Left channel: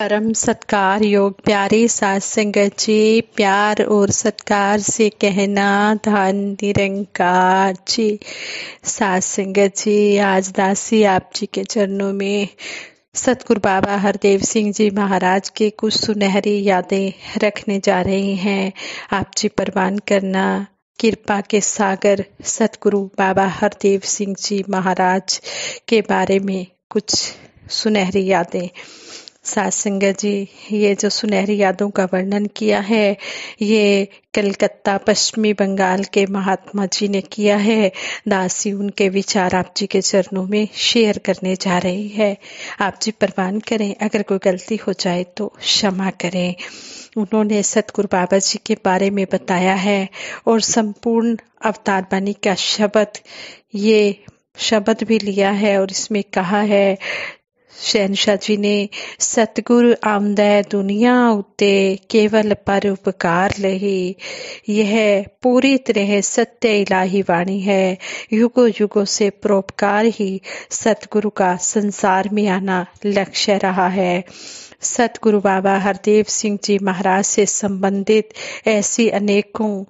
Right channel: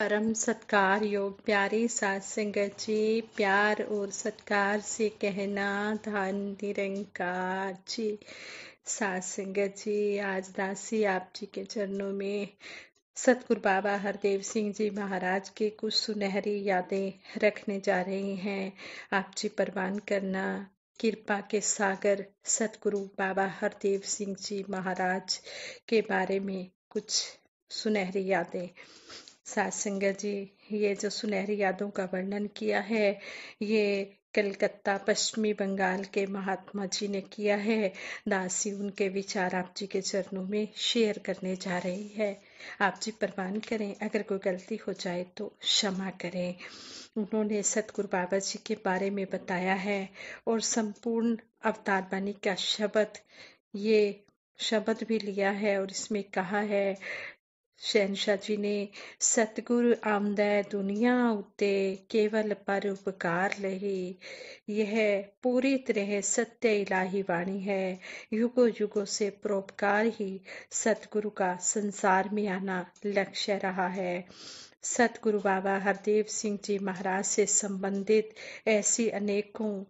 परम सत्कार योग प्यारे साथ संगत जी, प्यार और सत्कार से कहना धन निरंकार जी। साथ संगत जी, आज दासी आप जी के चरणों में सतगुरु बाबा हरदेव सिंह जी महाराज के कुछ सुनहरी यादें रखने जा रही हैं। आप जी परवान करना। कृपा के सागर सतगुरु बाबा हरदेव सिंह जी महाराज के बारे में कुछ सुनहरी यादें। सात संगत जी, ये जो सुनहरी यादों का वर्णन किया है, ये कलकत्ता पश्चिमी बंगाल के महात्मा जी ने किया है। दासी उनके विचार आप जी के चरणों में शेयर करने जा रही है। आप जी परवान करें, अगर कोई गलती हो जाए तो क्षमा करें। उन्होंने सतगुरु बाबा जी के बारे में बताया है और संपूर्ण अवतार बानी का ये शब्द भी लिया है और इसमें कहा है शहनशाह जी ने, सतगुरु आमदै दुनिया उत्ते केवल पर उपकार लही। यह पूरी तरह सत्य इलाही वाणी है। युगों युगों से परोपकार ही सतगुरु का संसार में आना लक्ष्य रहा है। सतगुरु बाबा हरदेव सिंह जी महाराज से संबंधित ऐसी अनेकों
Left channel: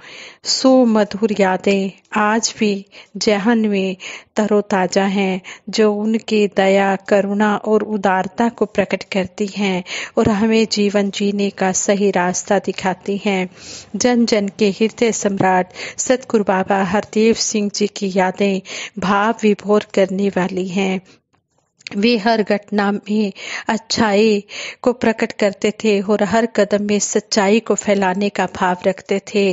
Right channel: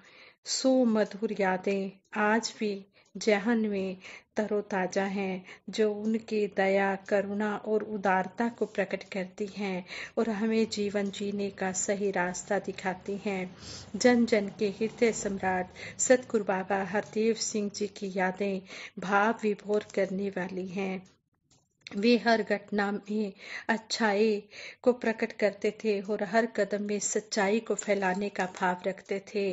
सुमधुर यादें आज भी जहन में तरोताजा हैं, जो उनकी दया, करुणा और उदारता को प्रकट करती हैं और हमें जीवन जीने का सही रास्ता दिखाती हैं। जन जन के हृदय सम्राट सतगुरु बाबा हरदेव सिंह जी की यादें भाव विभोर करने वाली हैं। वे हर घटना में अच्छाई को प्रकट करते थे और हर कदम में सच्चाई को फैलाने का भाव रखते थे।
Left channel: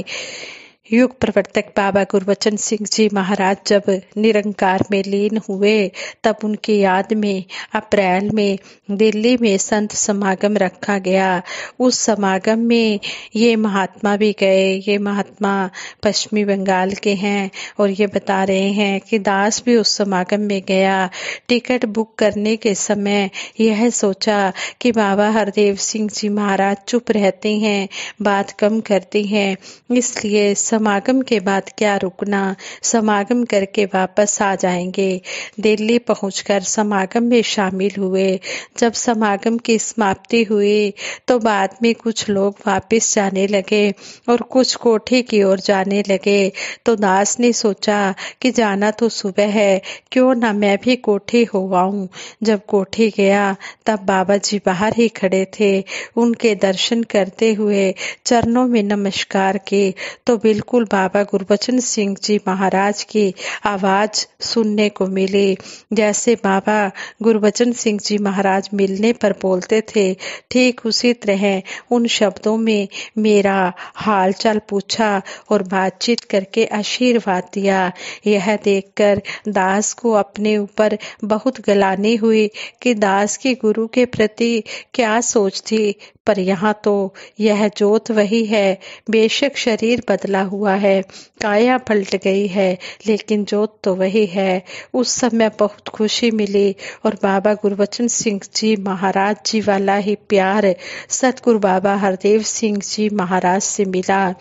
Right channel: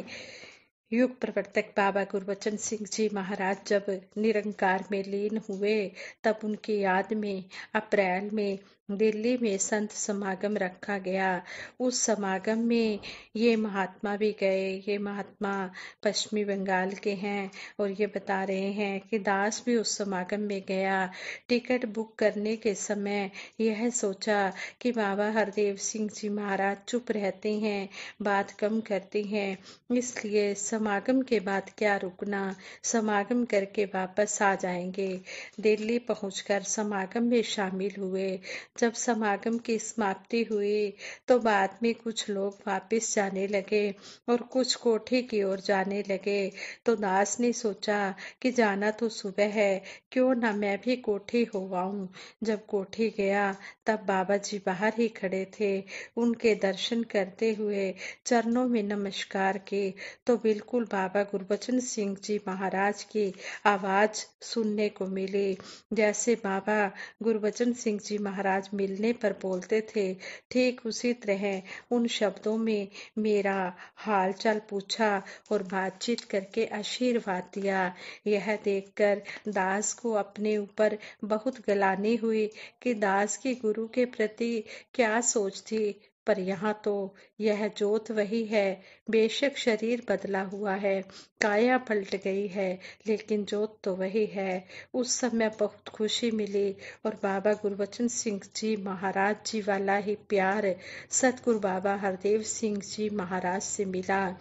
युग प्रवर्तक बाबा गुरबचन सिंह जी महाराज जब निरंकार में लीन हुए, तब उनकी याद में अप्रैल में दिल्ली में संत समागम रखा गया। उस समागम में ये महात्मा भी गए। ये महात्मा पश्चिमी बंगाल के हैं और ये बता रहे हैं कि दास भी उस समागम में गया। टिकट बुक करने के समय यह सोचा कि बाबा हरदेव सिंह जी महाराज चुप रहते हैं, बात कम करते हैं, इसलिए समागम के बाद क्या रुकना, समागम करके वापस आ जाएंगे। दिल्ली पहुंचकर समागम में शामिल हुए। जब समागम की समाप्ति हुई तो बाद में कुछ लोग वापस जाने लगे और कुछ कोठी की ओर जाने लगे। तो दास ने सोचा कि जाना तो सुबह है, क्यों ना मैं भी कोठी हो आऊं। जब कोठी गया तब बाबा जी बाहर ही खड़े थे। उनके दर्शन करते हुए चरणों में नमस्कार की तो बिल्कुल बाबा गुरबचन सिंह जी महाराज की आवाज सुनने को मिली। जैसे बाबा गुरबचन सिंह जी महाराज मिलने पर बोलते थे, ठीक उसी तरह उन शब्दों में मेरा हाल चाल पूछा और बातचीत करके आशीर्वाद दिया। यह देखकर दास को अपने ऊपर बहुत गलानी हुई कि दास की गुरु के प्रति क्या सोच थी, पर यहाँ तो यह जोत वही है। बेशक शरीर बदला हुआ है, काया पलट गई है, लेकिन जोत तो वही है। उस समय बहुत खुशी मिली और बाबा गुरबचन सिंह जी महाराज जी वाला ही प्यार सतगुरु बाबा हरदेव सिंह जी महाराज से मिला।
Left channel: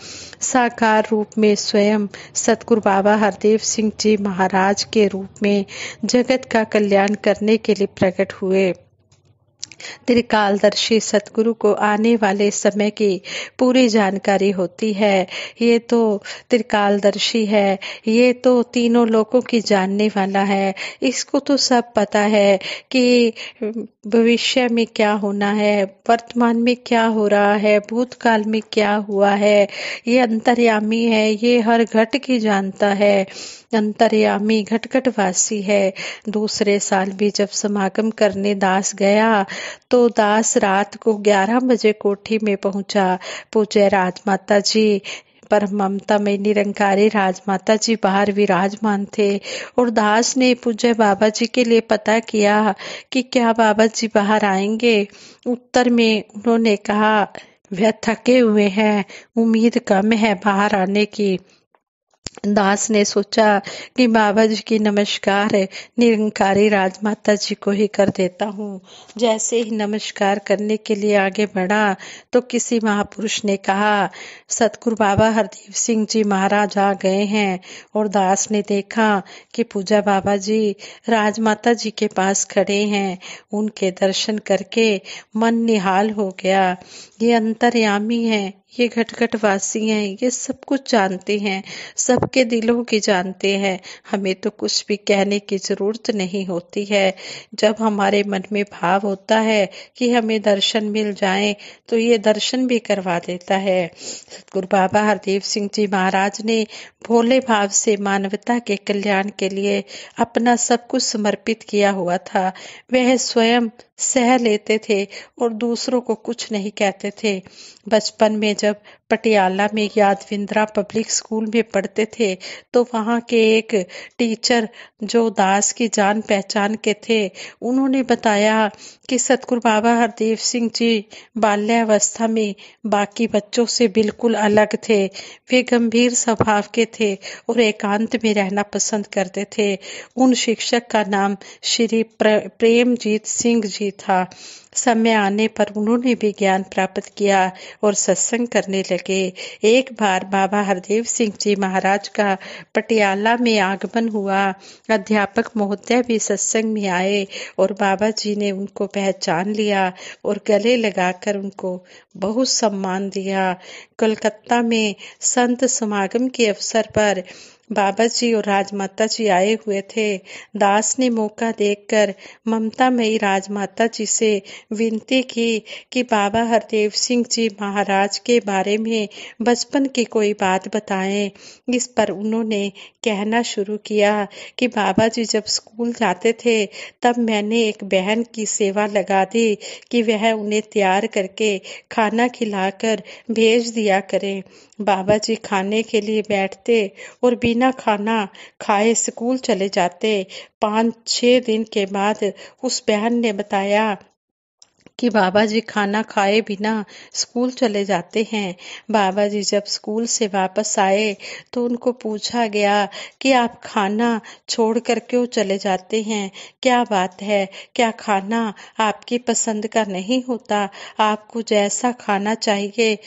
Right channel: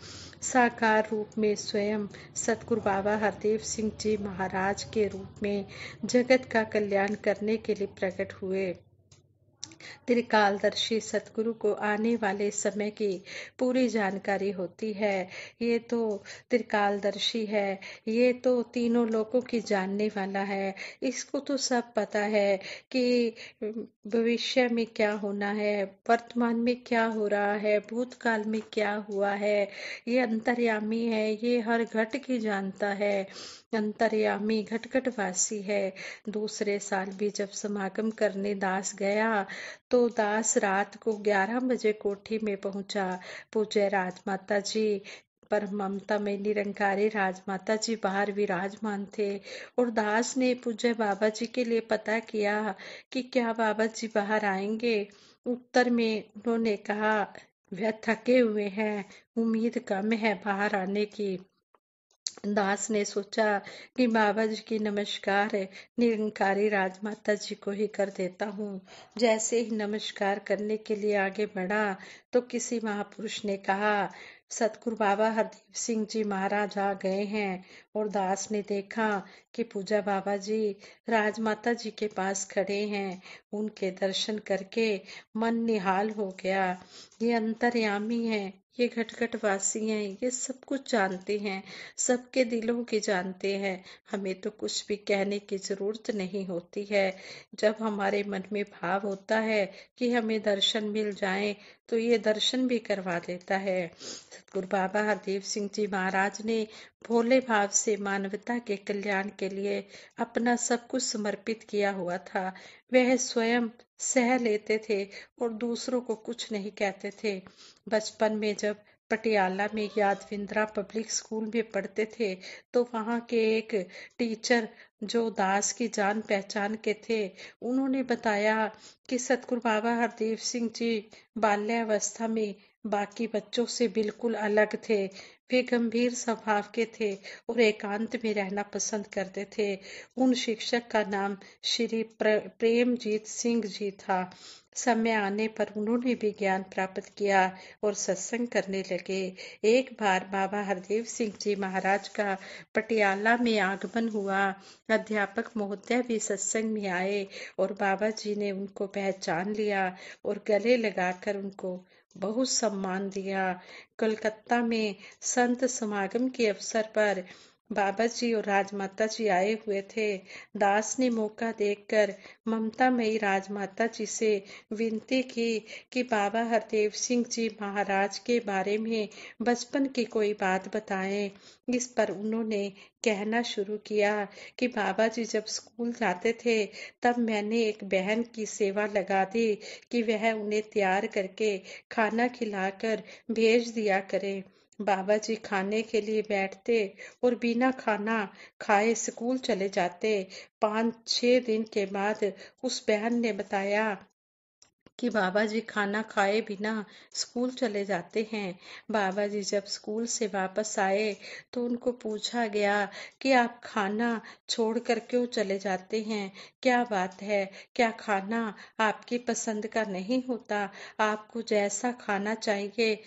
साकार रूप में स्वयं सतगुरु बाबा हरदेव सिंह जी महाराज के रूप में जगत का कल्याण करने के लिए प्रकट हुए। त्रिकालदर्शी सतगुरु को आने वाले समय की पूरी जानकारी होती है। ये तो त्रिकालदर्शी है, ये तो तीनों लोकों की जानने वाला है। इसको तो सब पता है कि भविष्य में क्या होना है, वर्तमान में क्या हो रहा है, भूतकाल में क्या हुआ है। ये अंतर्यामी है, ये हर घट की जानता है। अंतर्यामी घटघटवासी है। दूसरे साल भी जब समागम करने दास गया तो दास रात को 11 बजे कोठी में पहुंचा। पूज्य राजमाता जी, पर ममता में निरंकारी राजमाता जी बाहर विराजमान थे और दास ने पूज्य बाबा जी के लिए पता किया कि क्या बाबा जी बाहर आएंगे। उत्तर में उन्होंने कहा, वह थके हुए हैं, उम्मीद कम है बाहर आने की। दास ने सोचा कि बाबा जी की नमस्कार निरंकारी राजमाता जी को ही कर देता हूँ। जैसे ही नमस्कार करने के लिए आगे बढ़ा तो किसी महापुरुष ने कहा, सतगुरु बाबा हरदेव सिंह जी महाराज आ गए हैं। और दास ने देखा कि पूजा बाबा जी राजमाता जी के पास खड़े हैं। उनके दर्शन करके मन निहाल हो गया। ये अंतर्यामी हैं, ये घट वासी हैं, ये सब कुछ जानते हैं, सबके दिलों की जानते हैं। हमें तो कुछ भी कहने की जरूरत नहीं होती है। जब हमारे मन में भाव होता है कि हमें दर्शन मिल जाए तो ये दर्शन भी करवा देता है। सतगुरु बाबा हरदेव सिंह जी महाराज ने भोले भाव से मानवता के कल्याण के लिए अपना सब कुछ समर्पित किया हुआ था। वह स्वयं सह लेते थे और दूसरों को कुछ नहीं कहते थे। बचपन में जब पटियाला में यादविंद्रा पब्लिक स्कूल में पढ़ते थे तो वहाँ के एक टीचर जो दास की जान पहचान के थे, उन्होंने बताया कि सतगुरु बाबा हरदेव सिंह जी बाल्यावस्था में बाकी बच्चों से बिल्कुल अलग थे। वे गंभीर स्वभाव के थे और एकांत में रहना पसंद करते थे। उन शिक्षक का नाम श्री प्रेमजीत सिंह जी था। समय आने पर उन्होंने भी ज्ञान प्राप्त किया और सत्संग करने लगे। एक बार बाबा हरदेव सिंह जी महाराज का पटियाला में आगमन हुआ। अध्यापक महोदय भी सत्संग में आए और बाबा जी ने उनको पहचान लिया और गले लगाकर उनको बहुत सम्मान दिया। कोलकाता में संत समागम के अवसर पर बाबा जी और राजमाता जी आए हुए थे। दास ने मौका देखकर ममतामयी राजमाता जी से विनती की कि बाबा हरदेव सिंह जी महाराज के बारे में बचपन की कोई बात बताएं। इस पर उन्होंने कहना शुरू किया कि बाबा जी जब स्कूल जाते थे तब मैंने एक बहन की सेवा लगा दी कि वह उन्हें तैयार करके खाना खिलाकर भेज दिया करे। बाबा जी खाने के लिए बैठते और बिना खाना खाए स्कूल चले जाते। 5-6 दिन के बाद उस बहन ने बताया कि बाबा जी खाना खाए बिना स्कूल चले जाते हैं। बाबा जी जब स्कूल से वापस आए तो उनको पूछा गया कि आप खाना छोड़कर क्यों चले जाते हैं, क्या बात है, क्या खाना आपकी पसंद का नहीं होता, आपको जैसा खाना चाहिए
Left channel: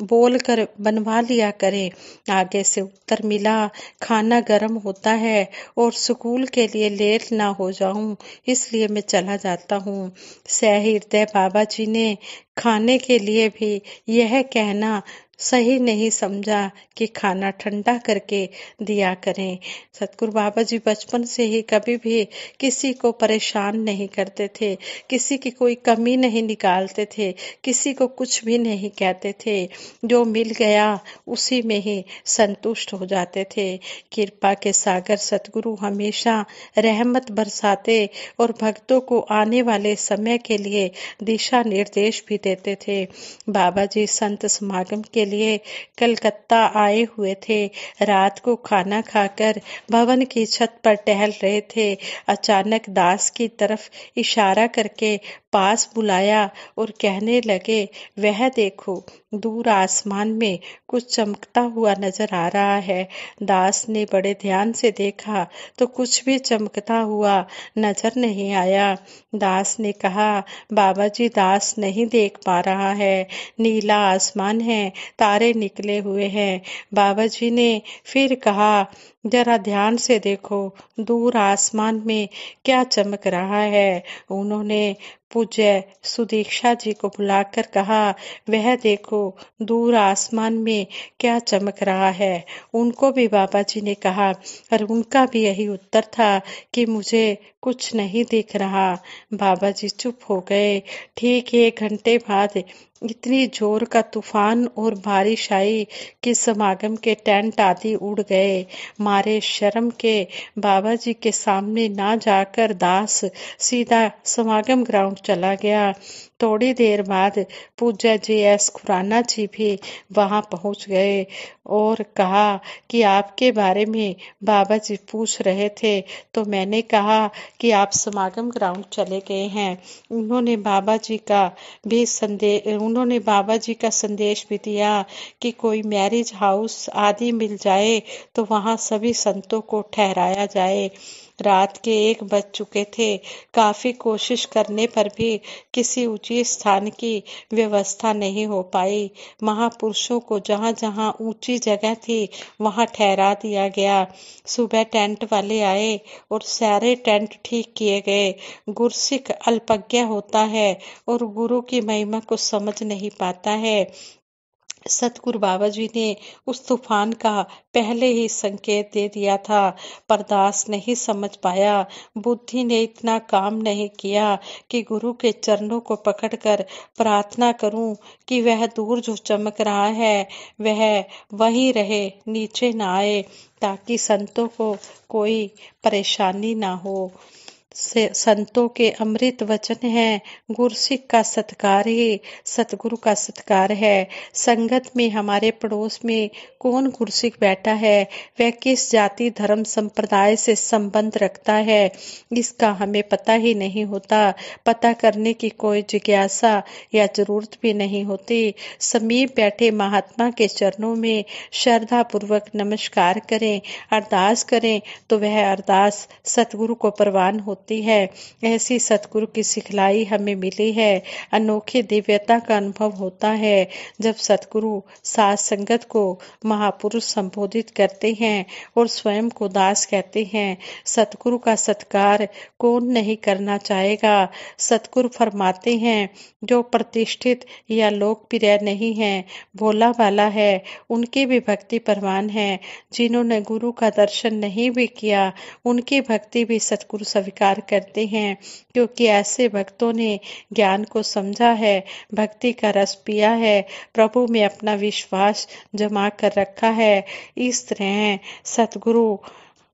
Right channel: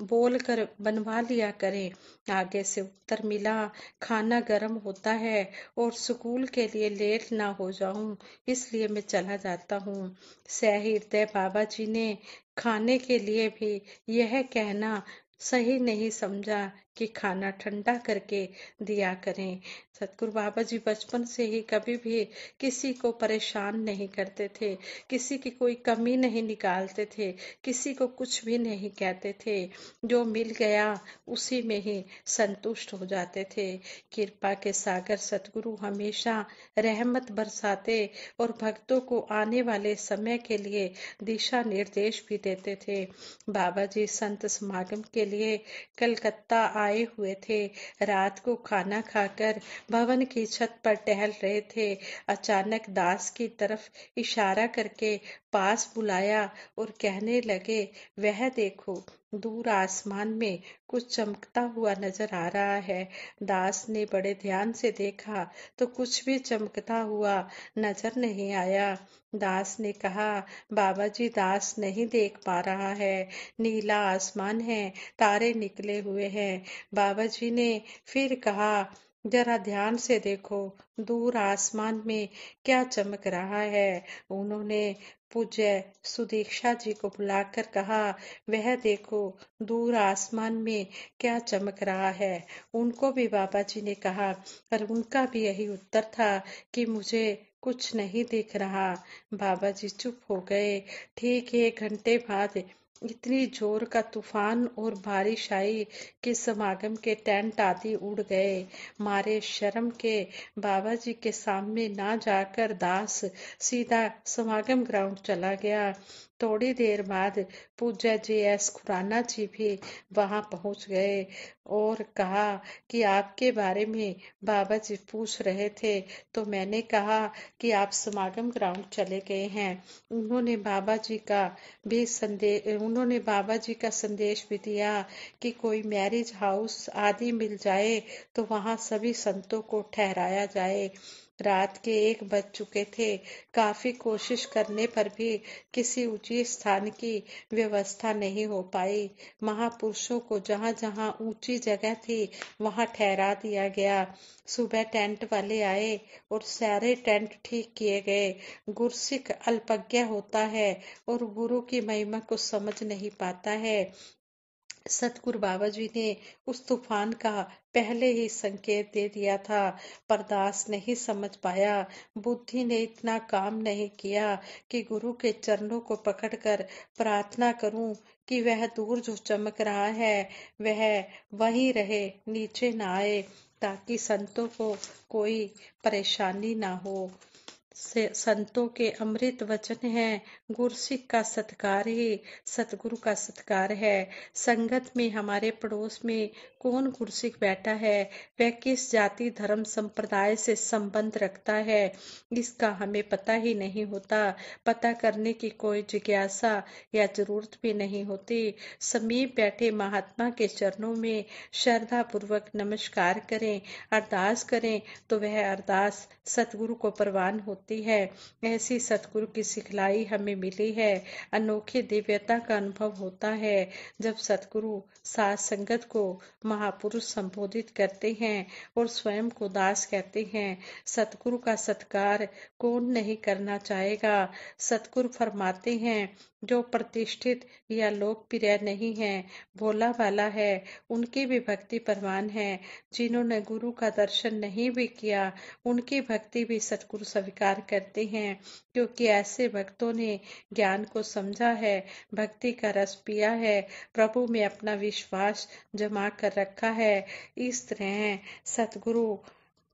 बोलकर बनवा लिया करें। आगे से उत्तर मिला, खाना गर्म होता है और स्कूल के लिए लेट ना हो जाऊं इसलिए मैं चला जाता हूँ। सहृदय बाबा जी ने खाने के लिए भी यह कहना सही नहीं समझा कि खाना ठंडा करके दिया करें। सतगुरु बाबा जी बचपन से ही कभी भी किसी को परेशान नहीं करते थे, किसी की कोई कमी नहीं निकालते थे, किसी को कुछ भी नहीं कहते थे। जो मिल गया उसी में ही संतुष्ट हो जाते थे। कृपा के सागर सतगुरु हमेशा रहमत बरसाते और भक्तों को आने वाले समय के लिए दिशा निर्देश भी देते थे। बाबा जी संत समागम के लिए कलकत्ता आए हुए थे। रात को खाना खाकर भवन की छत पर टहल रहे थे। अचानक दास की तरफ इशारा करके पास बुलाया और कहने लगे, वह देखो दूर आसमान में कुछ चमकता हुआ नजर आ रहा है। दास ने बड़े ध्यान से देखा तो कुछ भी चमकता हुआ नजर नहीं आया। दास ने कहा, बाबा जी दास नहीं देख पा रहा है, नीला आसमान है, तारे निकले हुए हैं। बाबा जी ने फिर कहा, जरा ध्यान से देखो दूर आसमान में क्या चमक रहा है। उन्होंने पूज्य सुदीक्षा जी को बुलाकर कहा, वह देखो दूर आसमान में क्या चमक रहा है। उनको भी बाबा जी ने कहा और उनका भी यही उत्तर था कि मुझे कुछ नहीं दिख रहा। बाबा जी चुप हो गए। ठीक 1 घंटे बाद इतनी जोर का तूफान और बारिश आई कि समागम के टेंट आदि उड़ गए। मारे शर्म के बाबा जी के सामने ना जाकर दास सीधा समागम ग्राउंड चला गया। थोड़ी देर बाद पूज्य जी एस खुराना जी भी वहां पहुंच गए और कहा कि आपके बारे में बाबा जी पूछ रहे थे, तो मैंने कहा कि आप समागम ग्राउंड चले गए हैं। उन्होंने बाबा जी का संदेश भी दिया कि कोई मैरिज हाउस आदि मिल जाए तो वहां सभी संतों को ठहराया जाए। रात के 1 बज चुके थे। काफी कोशिश करने पर भी किसी ऊंचे स्थान की व्यवस्था नहीं हो पाई। महापुरुषों को जहां जहां ऊंची जगह थी वहां ठहरा दिया गया। सुबह टेंट वाले आए और सारे टेंट ठीक किए गए। गुरसिख अल्पज्ञ होता है और गुरु की महिमा को समझ नहीं पाता है। सतगुरु बाबा जी ने उस तूफान का पहले ही संकेत दे दिया था, पर दास नहीं समझ पाया। बुद्धि ने इतना काम नहीं किया कि गुरु के चरणों को पकड़कर प्रार्थना करूं कि वह दूर जो चमक रहा है वह वहीं रहे, नीचे ना आए, ताकि संतों को कोई परेशानी ना हो। संतों के अमृत वचन हैं। गुरसिख का सत्कार ही सतगुरु का सत्कार है। संगत में हमारे पड़ोस में कौन गुरसिख बैठा है, वह किस जाति धर्म संप्रदाय से संबंध रखता है, इसका हमें पता ही नहीं होता। पता करने की कोई जिज्ञासा या जरूरत भी नहीं होती। समीप बैठे महात्मा के चरणों में श्रद्धा पूर्वक नमस्कार करें, अरदास करें तो वह अरदास सतगुरु को प्रवान होती है। ऐसी सतगुरु की सिखलाई हमें मिली है। अनोखी दिव्यता का अनुभव होता है जब सतगुरु साथ संगत को महापुरुष संबोधित करते हैं और स्वयं को दास कहते हैं। सतगुरु का सत्कार कौन नहीं करना चाहेगा। सतगुरु फरमाते हैं, जो प्रतिष्ठित या लोकप्रिय नहीं है, भोला भाला है, उनकी भी भक्ति प्रवान है। जिन्होंने गुरु का दर्शन नहीं भी किया, उनकी भक्ति भी सतगुरु स्वीकार करते हैं, क्योंकि ऐसे भक्तों ने ज्ञान को समझा है, भक्ति का रस पिया है, प्रभु में अपना विश्वास जमा कर रखा है। इस तरह सतगुरु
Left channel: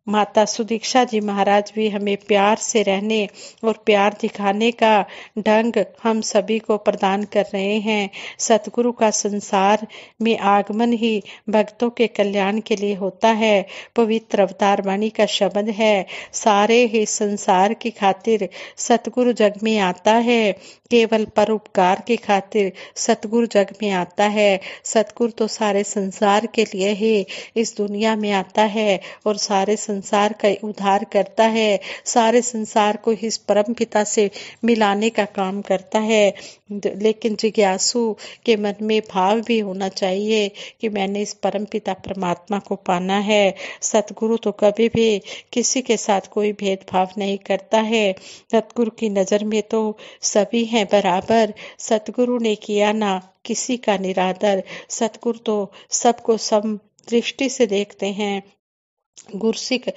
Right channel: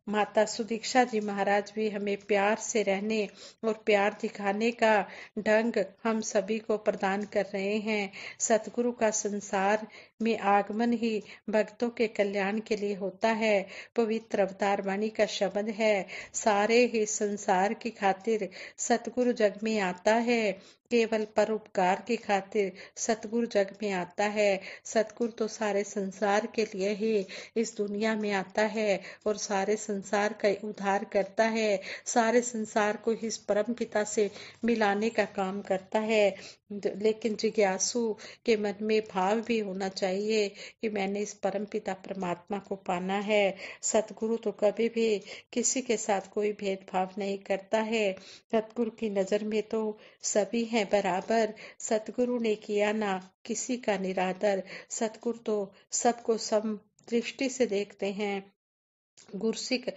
माता सुदीक्षा जी महाराज भी हमें प्यार से रहने और प्यार दिखाने का ढंग हम सभी को प्रदान कर रहे हैं। सतगुरु का संसार में आगमन ही भक्तों के कल्याण के लिए होता है। पवित्र अवतार वाणी का शब्द है, सारे ही संसार की खातिर सतगुरु जग में आता है। केवल परोपकार की खातिर सतगुरु जग में आता है। सतगुरु तो सारे संसार के लिए ही इस दुनिया में आता है और सारे संसार का उद्धार करता है, सारे संसार को इस परम पिता से मिलाने का काम करता है। लेकिन जिज्ञासु के मन में भाव भी होना चाहिए कि मैंने इस परम पिता परमात्मा को पाना है। सतगुरु तो कभी भी किसी के साथ कोई भेदभाव नहीं करता है। सतगुरु की नजर में तो सभी हैं बराबर। सतगुरु ने किया ना किसी का निरादर। सतगुरु तो सबको सम दृष्टि से देखते हैं। गुरसिख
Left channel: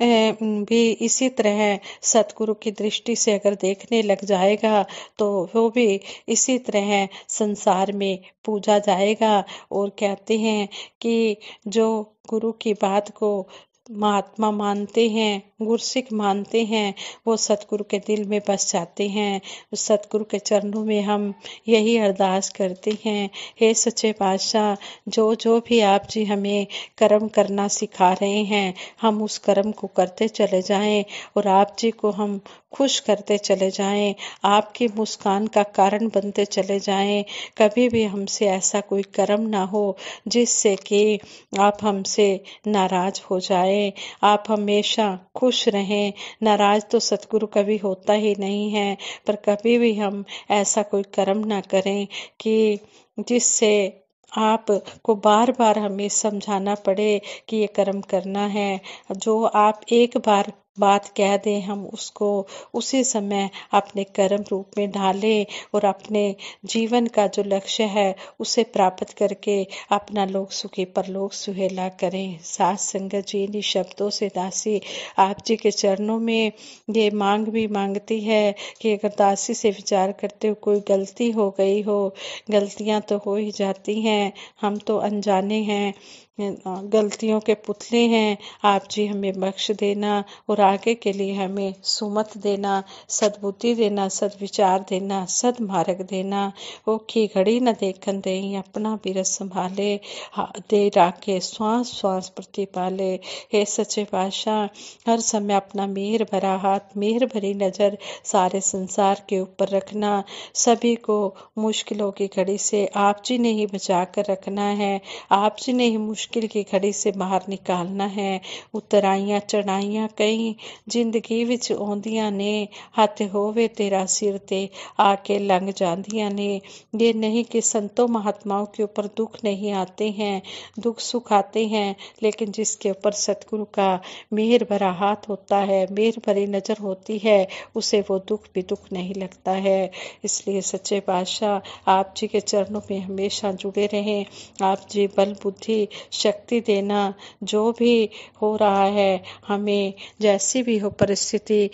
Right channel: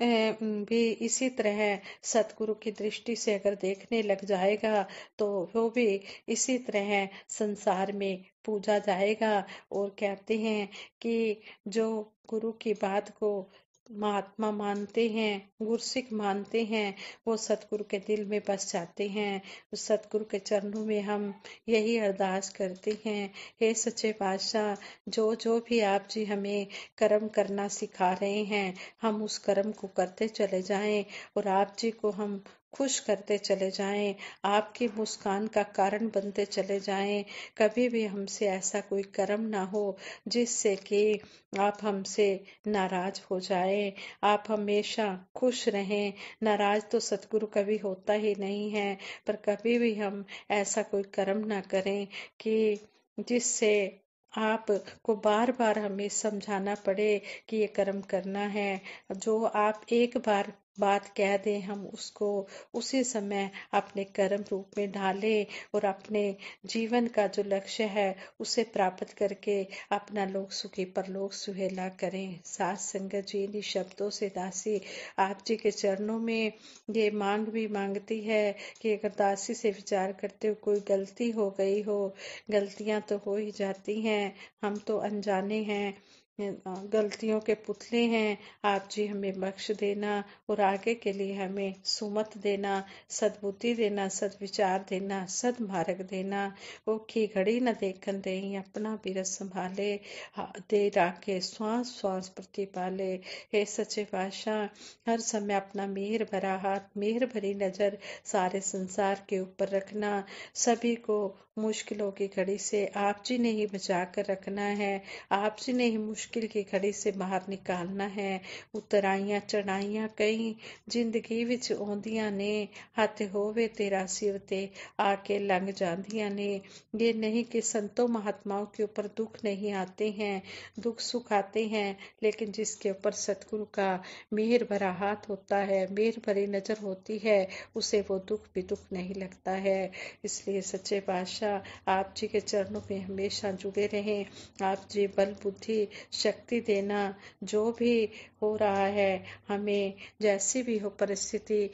भी इसी तरह सतगुरु की दृष्टि से अगर देखने लग जाएगा तो वो भी इसी तरह संसार में पूजा जाएगा। और कहते हैं कि जो गुरु की बात को महात्मा मानते हैं, गुरसिख मानते हैं, वो सतगुरु के दिल में बस जाते हैं। सतगुरु के चरणों में हम यही अरदास करते हैं, हे सच्चे पातशाह, जो जो भी आप जी हमें कर्म करना सिखा रहे हैं, हम उस कर्म को करते चले जाएं और आप जी को हम खुश करते चले जाएं, आपकी मुस्कान का कारण बनते चले जाएं। कभी भी हमसे ऐसा कोई कर्म ना हो जिससे कि आप हमसे नाराज हो जाएं। आप हमेशा खुश रहें। नाराज तो सतगुरु कभी होता ही नहीं है, पर कभी भी हम ऐसा कोई कर्म ना करें कि जिससे आप को बार बार हमें समझाना पड़े कि ये कर्म करना है। जो आप एक बार बात कह दें, हम उसको उसी समय अपने कर्म रूप में ढालें और अपने जीवन का जो लक्ष्य है उसे प्राप्त करके अपना लोक सुखी परलोक सुहेला करें। साथ संगत जी इन शब्दों से दासी आप जी के चरणों में ये मांग भी मांगती है कि अगर दासी से विचार करते हो कोई गलती हो गई हो, गलतियां तो हो ही जाती हैं, हम तो अनजाने हैं, गलतियों के पुतले हैं। आप जी हमें बख्श देना और आगे के लिए हमें सुमत देना, सद्बुद्धि देना, सद्विचार देना, सद्मार्ग देना। ओखी घड़ी न देखन देई अपना बिरत संभाले, दे राखे श्वास श्वास प्रतिपाले। हे सच्चे पातशाह, हर समय अपना मेहर भरा हाथ, मेहर भरी नज़र सारे संसार के ऊपर रखना। सभी को मुश्किलों की घड़ी से आप जी ने ही बचा कर रखना है। आप जी ने ही मुश्किल की घड़ी से बाहर निकालना है। उतराइयां चढ़ाइयां कई जिंदगी विच आउंदियां ने, हथ होवे तेरा सिर ते आके लंघ जांदियां ने। ये नहीं कि संतों महात्माओं के ऊपर दुख नहीं आते हैं, दुख सुख आते हैं, लेकिन जिसके ऊपर सतगुरु का मेहर भरा हाथ होता है, मेहर भरी नज़र होती है, उसे वो दुख भी दुख नहीं लगता है। इसलिए सच्चे पातशाह आप जी के चरणों में हमेशा जुड़े रहें। आप जी बल बुद्धि शक्ति देना। जो भी हो रहा है, हमें जैसी भी हो परिस्थिति,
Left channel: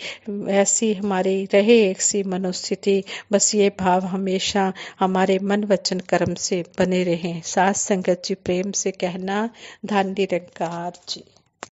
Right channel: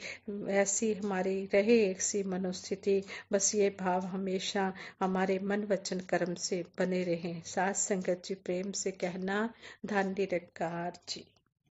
ऐसी हमारी रहे एक सी मनोस्थिति, बस ये भाव हमेशा हमारे मन वचन कर्म से बने रहें। साथ संगत जी प्रेम से कहना, धन निरंकार जी।